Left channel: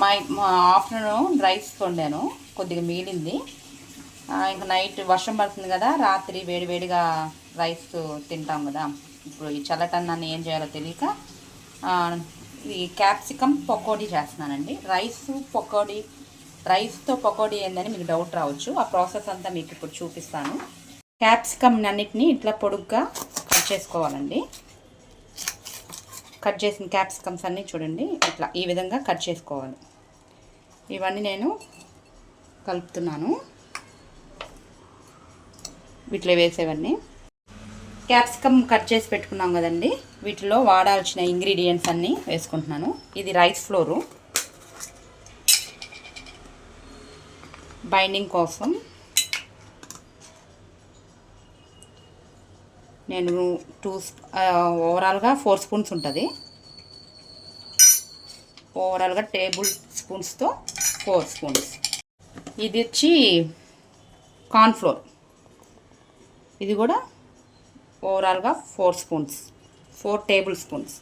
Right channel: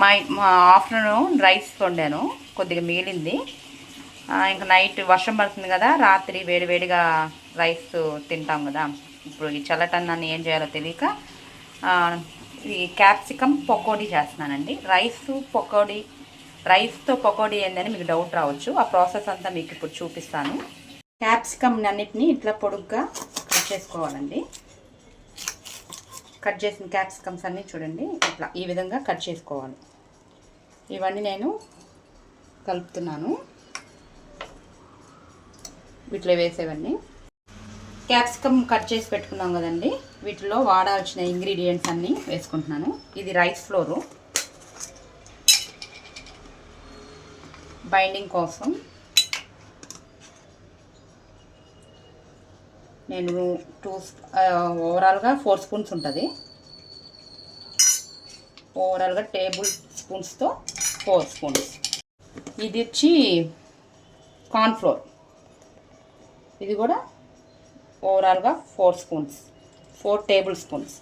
My మా afternoon rice వండాను. కొద్దిగా మిగిలింది. ఇంకా నైట్ వర్షం పడుతుంది కదా రాత్రి వేడివేడిగా రైస్ తింటాం కదా. ఇప్పుడు ఈ చల్లటన్నాన్ని ఏం చేయాలో తెలియక ఈ క్యాప్సికమ్ పకోడీ చేస్తున్నానండి. రైస్ పకోడీ రైస్తో పకోడీ ఏందని మీకు డౌట్ రావచ్చు. ఆ ప్రాసెస్ అంతా మీకు ఇప్పుడు చూపిస్తాను. క్యాప్సికమ్ అన్నిటిని ఇట్లా పొడుగ్గా కట్ చేసుకోవాలండి. కట్ చేసిన క్యాప్సికమ్స్ అన్నీ చూడండి. ఇట్లా ఈ విధంగా కట్ చేసుకోవాలి. ఇవన్నీ నేను కలుపుతున్నాను. వీటిలో వేసేవన్నీ. క్యాప్సికమ్ కట్ చేసి పెట్టుకున్నాం కదండి. వీటిలో వాడాల్సిన ఇంగ్రీడియంట్స్ అన్నీ వేసుకుంటున్నాను. ఇది రైస్ ఫ్లోరు. బైండింగ్ కోసం. నేను టూ ఓవరాల్గా ఫోర్ స్పూన్స్ ఉంటుంది. ఓవరాల్గా టేబుల్ స్పూన్స్తో ఫోర్ స్పూన్స్ ఇది వచ్చి కార్న్ఫ్లోర్ ఇది కూడా ఓవరాల్గా four spoons four tablespoons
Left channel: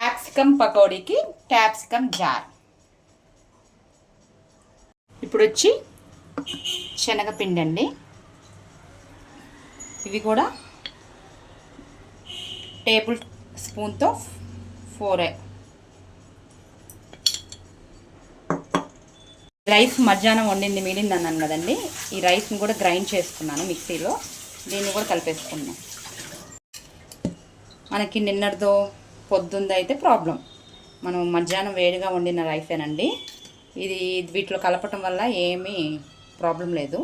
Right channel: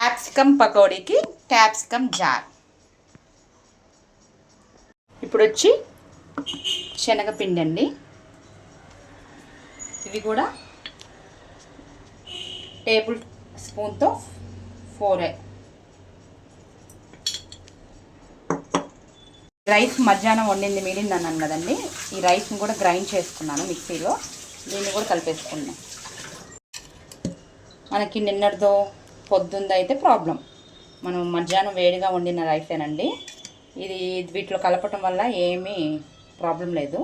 capsicum పకోడీకి capsicum jar ఇప్పుడు వచ్చి శనగపిండి అండి ఇవి కూడా టేబుల్ స్పూన్తో ఫోరే. రైస్ మధ్యాహ్నం వండింది మిగిలింది అన్నాను కదండి. ఈ రైస్ని కూడా గ్రైండ్ చేసుకున్నాను మిక్సీలో. దీన్ని కూడా కలిపేసుకున్నాను మనకి నిన్నటితో పొద్దుంది అయితే ప్రాబ్లం. మనం మధ్యాహ్నం వేడిగా వండిన రైసేనండి. ఇది వీటిలో కలపటం వల్ల ఏమీ ప్రాబ్లం లేదు.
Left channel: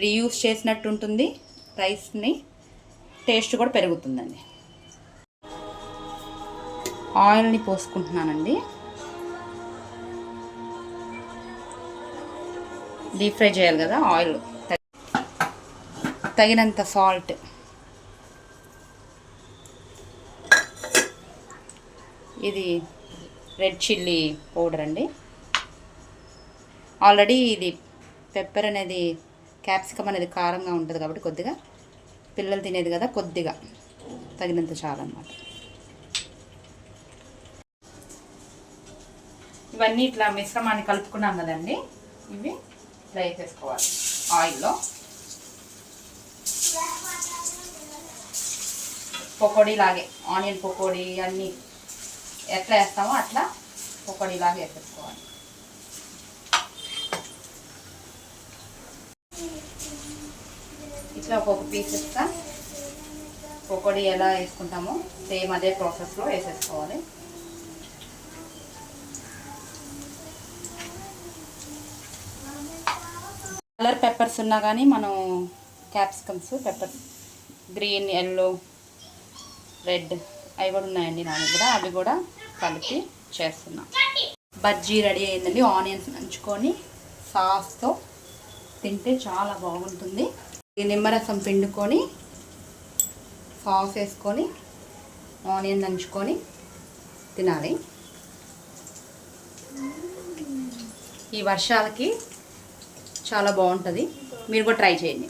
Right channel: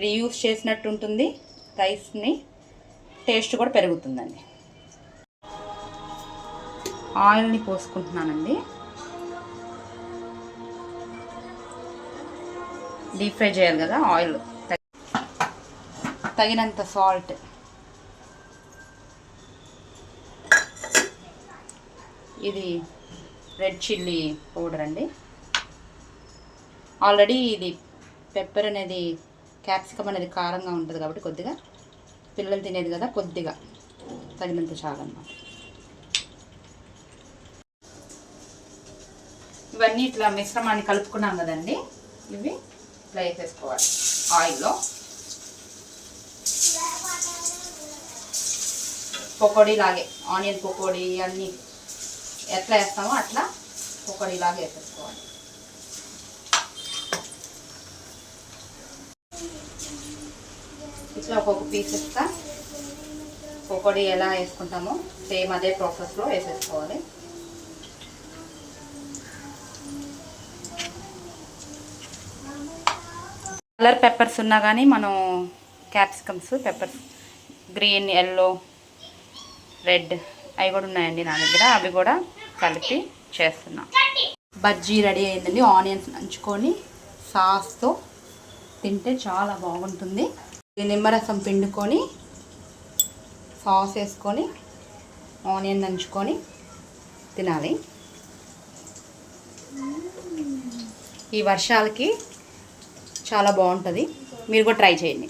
రీయూస్ చేసినట్టు ఉంటుంది రైస్ని టేస్ట్ కూడా పెరుగుతుందండి. ఆయిల్ని పోసుకుంటున్నానండి. డీప్ ఫ్రై చేయాలి కదా ఆయిల్. తగినంత సాల్ట్. ఇది రెడ్ చిల్లీ పౌడర్ అండి. ఆల్రెడీ ఇది పెప్పర్ అనేది క్యాప్సికమ్ అనేది కారంగా ఉంటుంది కాబట్టి కొద్దిగా పిల్లలు తినేది కదా కొద్దిగా తగినంత చాలన్నమాట. ఇవన్నీ ఇట్లా మిశ్రమాన్ని కలుపుకున్నాం కదండి. ఇవి ఫ్రై వేసేసుకోవాలి ఆయిల్లో. పకోడీ లాగే ఆనియన్ పకోడీ అన్నీ ఎట్లా వేస్తామో అట్లా పకోడీ లాగే వేసేసుకోవాలి. ఇట్లా ఒక్కొక్క పీస్ ఇస్తా పకోడీ ఎలా వేసుకుంటామో సేమ్ అదే ప్రాసెస్లో వేసేసుకోవాలి. కలర్ పెప్పర్స్ ఉన్నా కానీ మనం capsicums peppers green yellow red అవి కూడా ఉన్నాయండి నా దగ్గర. అవి కూడా కలిపి చేస్తున్నా. బజ్జీ రెడీ అయిందండి. ఆనియన్స్ నంచుకొని సాస్తో తింటే చాలా బాగుంటుంది. నిమ్మరసం పిండుకొని సాస్ వేసుకొని ఆనియన్ దంచుకొని తినాలి. ఈ వర్షాలకి చాలా బాగుంటుంది. మీరు కూడా ట్రై చేయండి.